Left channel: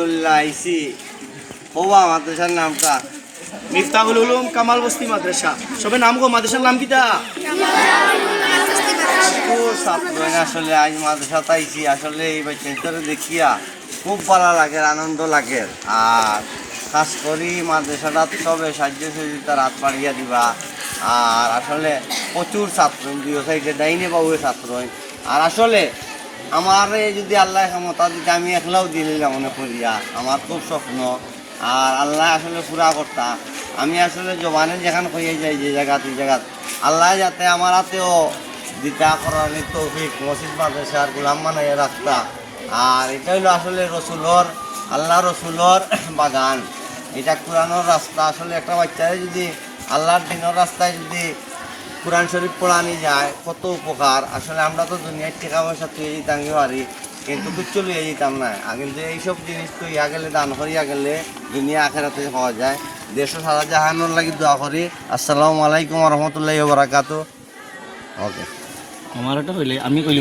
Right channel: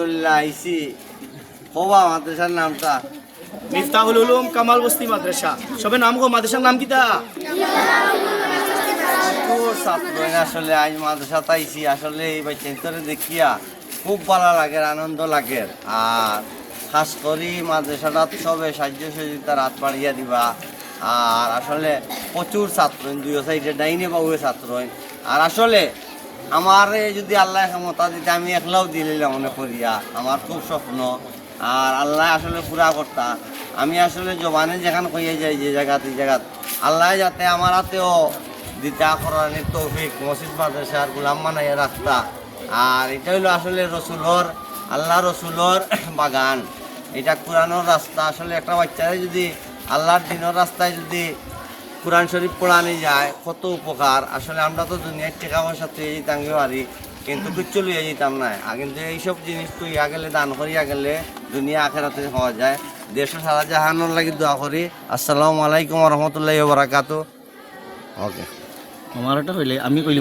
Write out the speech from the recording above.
আলহামদুলিল্লাহ আইসি। ওবা মাদ্রাসার নামটা মিফতাহুল উলুম কামাল বস্তি মাদ্রাসা। সবে নাম গো মাদ্রাসার নাম কিতা? ছাত্র আসলে আজ মাদ্রাসা আইসি। আসলে এই বাচ্চাদের দেখিয়া খুব ভালো লাগে, আনন্দ লাগে। আর খাস করি মাদ্রাসাটা সবে সাহায্য সহযোগিতার হাত বাড়িয়া দিবা। আর আসলে প্রচুর ছাত্র দুই সাইডে ডাইনে বাবুর ছাত্র। আর আসলে আমার যদি আল্লাহ ক্ষমতা যদি আমি একলাও দিলে মনে করিয়া আমার খুব স্বপ্ন। আর আল্লাহ আসলে পুরা কর্তা। আমি আসলে জবানে যেখানে কইয়া যাই যে জায়গাতে আল্লাহ যাতে আমার হাতেও দিতা করার তৌফিক মসজিদ মাদ্রাসার গোলাম বানাইয়া রাখতা। আর এটা হলো আসলে রসুলর, আল্লাহ রসুলর বাগান। এটা কোরআনের রাস্তা। আসলে একটা বাচ্চারে যদি আল্লাহর দিনের রাস্তায় যদি কোরআন শরীফ পড়ানি যায় কত উপকার। আসলে আমরা তো দুনিয়ার টাকা পয়সা তুই যেতাম পারি, কিন্তু কিচ্ছু লইয়া যেতাম না। কিন্তু এইসব জিনিস তো ইয়া গেলে দান করিয়া গেলে দুনিয়া আখেরাতে পাওয়া যায়। দেশ সারা জাহানোর লাগি দোয়া করি। আসসালামু আলাইকুম রহমতুল্লাহি ওয়া বারাকাতুহু। ওকে আমার এটা হইলে আমি কইলি